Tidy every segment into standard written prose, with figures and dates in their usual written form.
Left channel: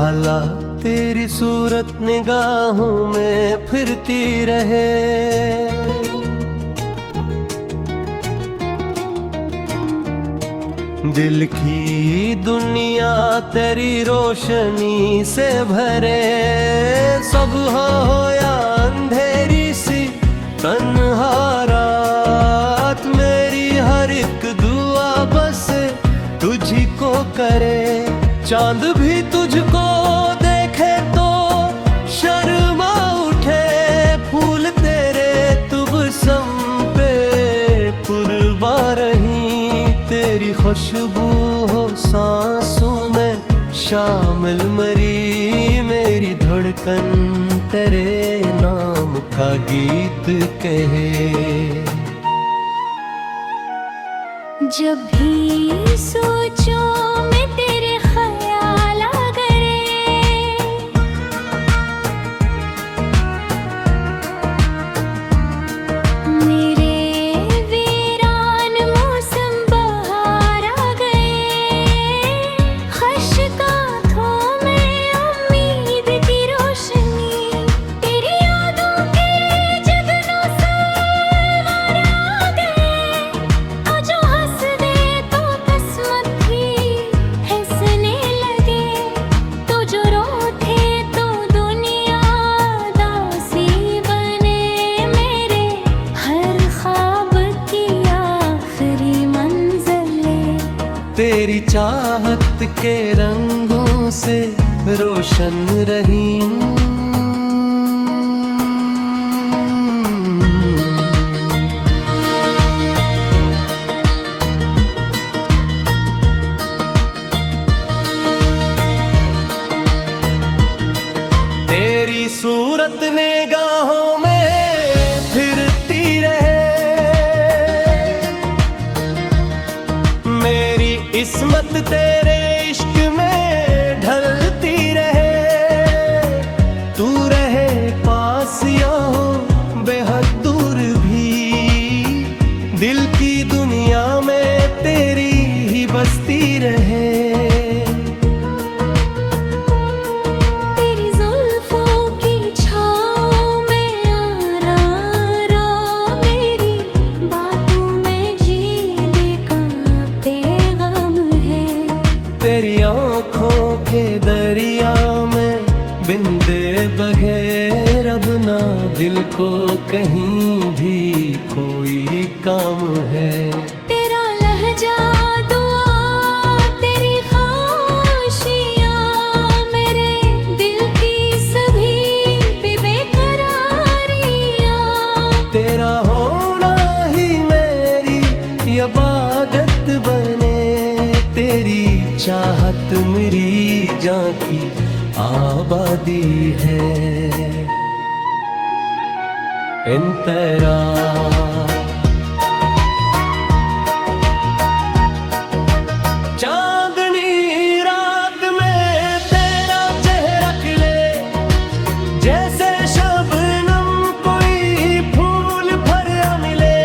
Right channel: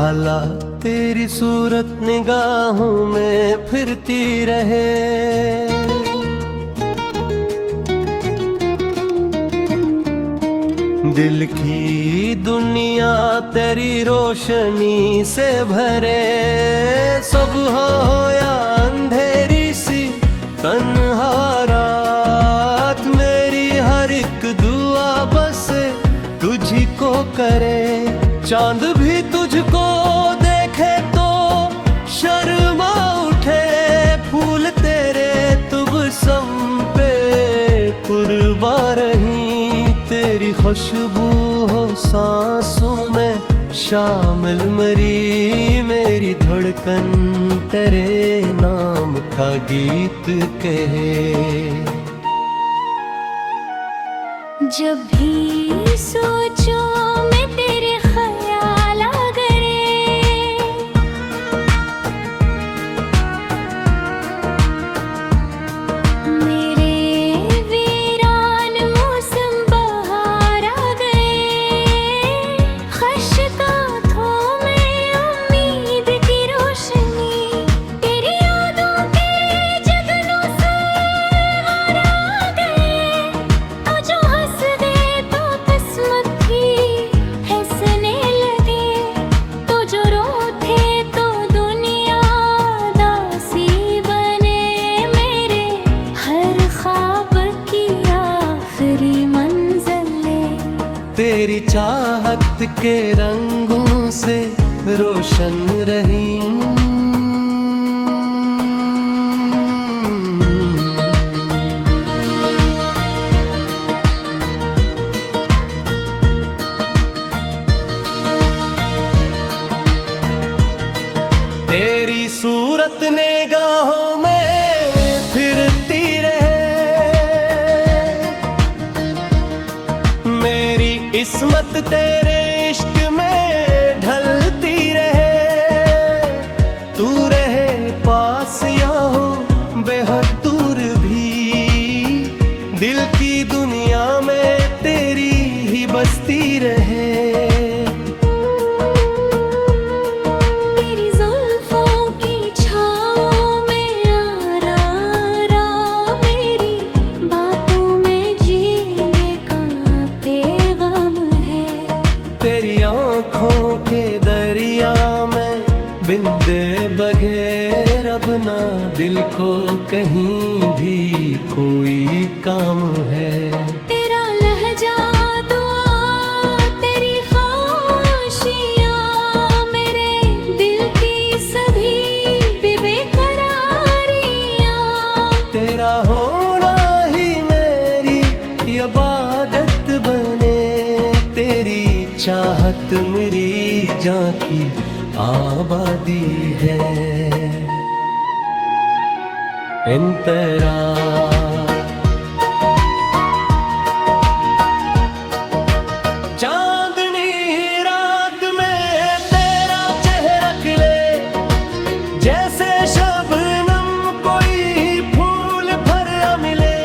खाला तेरी सूरत निगाहों में फिरती रहे। दिल की दुनिया तेरी रोशनी से भरे। सुबह हो या अंधेरी सी तन्हा रात, मेरी हर एक दुआ बस तुझी को करे। चांद भी तुझको देखे तो शर्मा उठे, फूल तेरे तुबसम पे कुर्बा रही। तेरी खुशबू हो सांसों में शामिल मरी, मेरी धड़कन तेरे नाम का गीत कहे। जब भी सोचो मैं तेरे ख्याल करे, मेरे वीरान मौसम बहार आ गए। खशकांतों में उम्मीद की रोशनी, तेरी यादों के जगनों से वार आ गए। तो जो हंस दे तो किस्मत ही हंसने लगे, तो जो रोते तो दुनिया दासी बने। मेरे हर ख्वाब की आखिरी मंजिले तेरी चाहत के रंगों से रोशन रही। तेरी सूरत निगाहों में फिरती रहे। मेरी इस्मत तेरे इश्क में ढलती रहे। तू रहे पास या हो बेहद दूर भी, दिल की दुनिया में तेरी ही बसती रहे। तेरी जुल्फों की छाँव में आरा मेरी बातों में जीने का पैगाम है। तेरी आँखों के दरिया में बिंदे बगैर अब ना दिल को कहीं भी कोई काम है। तेरा लहजा दुआ, तेरी खामोशियाँ मेरे दिल की सभी बेकरारियाँ। तेरा होना ही मेरी इबादत बने, तेरी चाहत मेरी जान की आबादी है। इन तेरा चांदनी रात में तेरा चेहरा खिले, जैसे शबनम कोई फूल भरा मिले।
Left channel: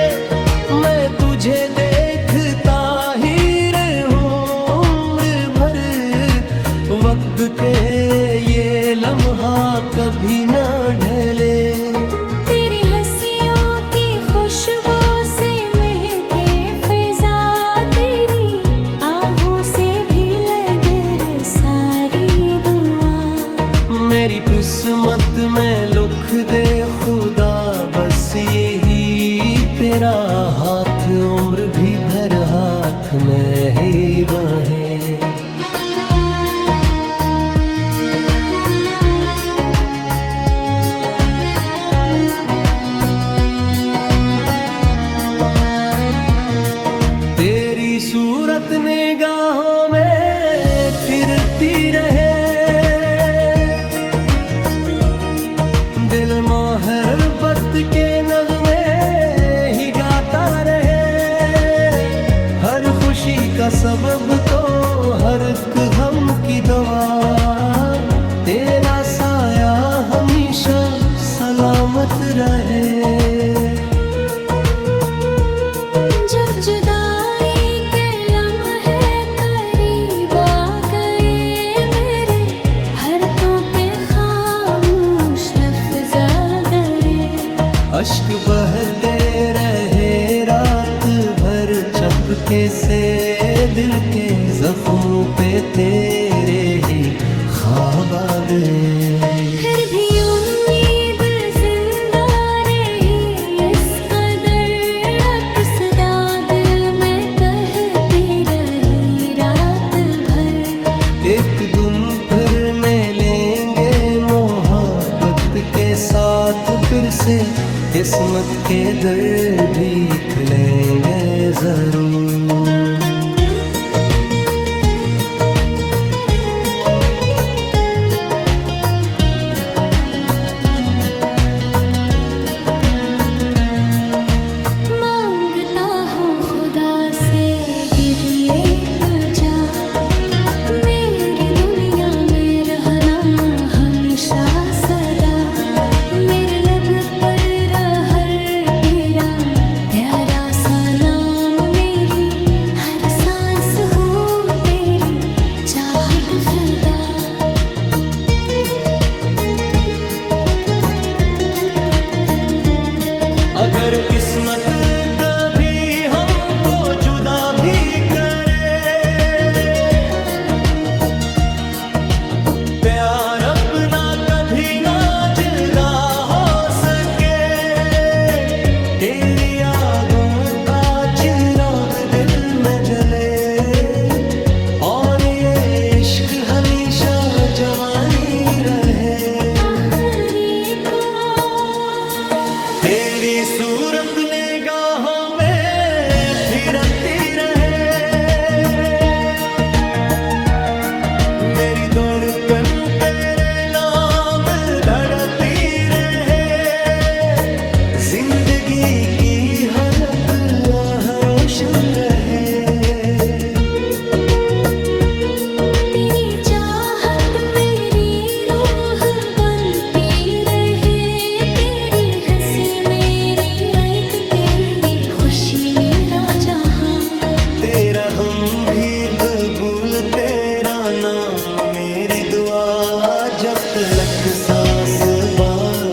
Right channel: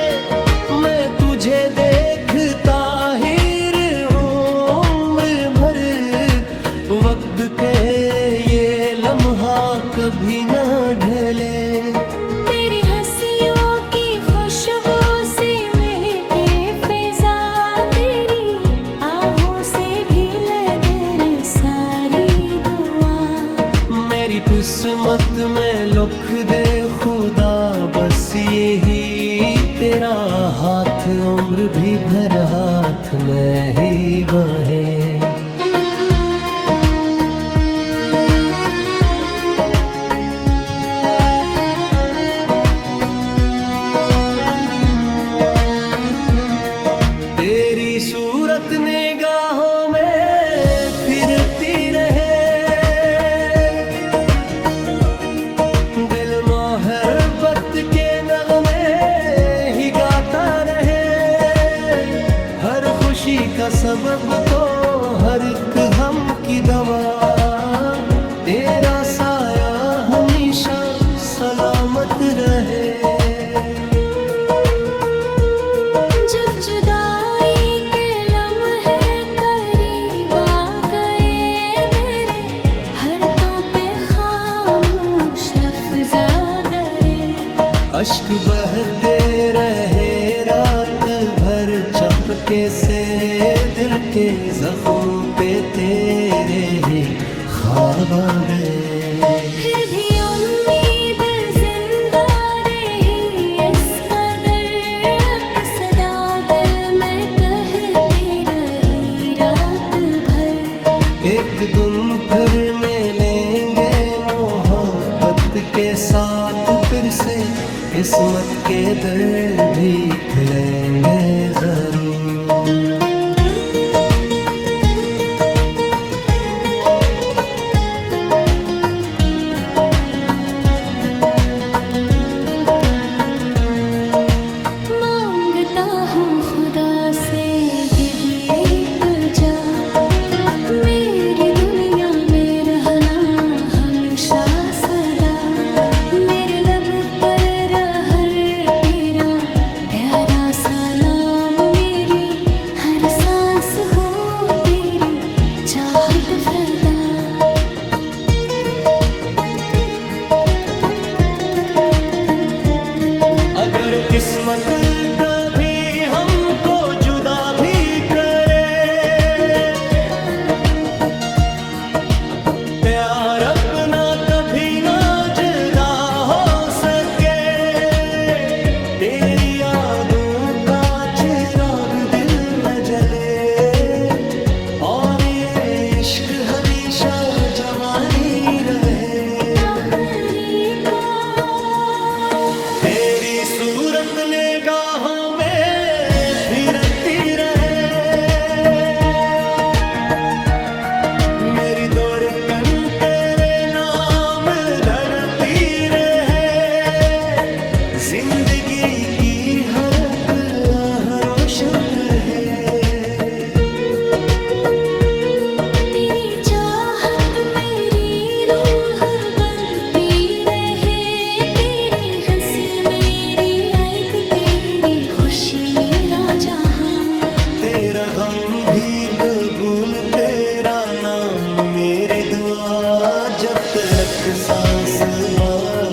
मैं तुझे देखता ही रहूं उम्र भर, वक्त के ये लम्हा कभी न ढले। तेरी हंसियों की खुशबू से महके फिजा, तेरी आहों से भी लगे रे सारी दुआ। मेरी किस्मत में लिख दे खुदा बस यही, तेरा हाथ उम्र भी भर हाथ में ही बाहें। तेरी सूरत निगाहों में फिरती रहे। दिल मोहब्बत के नगमे ही गाता रहे। हर खुशी का सबब तो हर एक गम की दवा, तेरा साया हमेशा सलामत रहे। जब जुदाई के लम्हे करीब आ गए, मेरे हर अश्क बहते रहे रात भर चपके से, दिल के जख्मों पे तेरे ही ख्वाब आ गए। फिर भी उम्मीद जिंदा रही, इस कदर अक्सदा दिल में कहती रही रात भर। एक दिन फिर मिलेंगे मोहब्बत के साथ फिर से, किस्मत के दर भी खुलेंगे जरूर। मांगता हूँ खुदा से गिरिए तुझा, मेरी दुनिया में रहना हमेशा सदा। मेरे लब पर रहर तेरा प्यारा सा नाम, मेरी हर सांस हो तेरी चाहत फदा। अगर किस्मत कभी हमको जुदा भी करे, प्यार अपना कभी ना जुदा हो सके। तेरी यादों का चिराग दिल में जले, और ये इश्क हमेशा जवानी रहे। तेरी सूरत निगाहों में फिरती रहे, मेरी धड़कन तेरे नाम धड़कती रहे। जिंदगी की हर एक आह रोशन रहे। तेरी चाहत मेरी रूह बनती रहे, तेरी हंसी मेरी आयत, तेरी खुशी मेरा जहां। तेरा गम भी कबूल, तेरा नाम मेरी दुआ, जब तलक सांस बार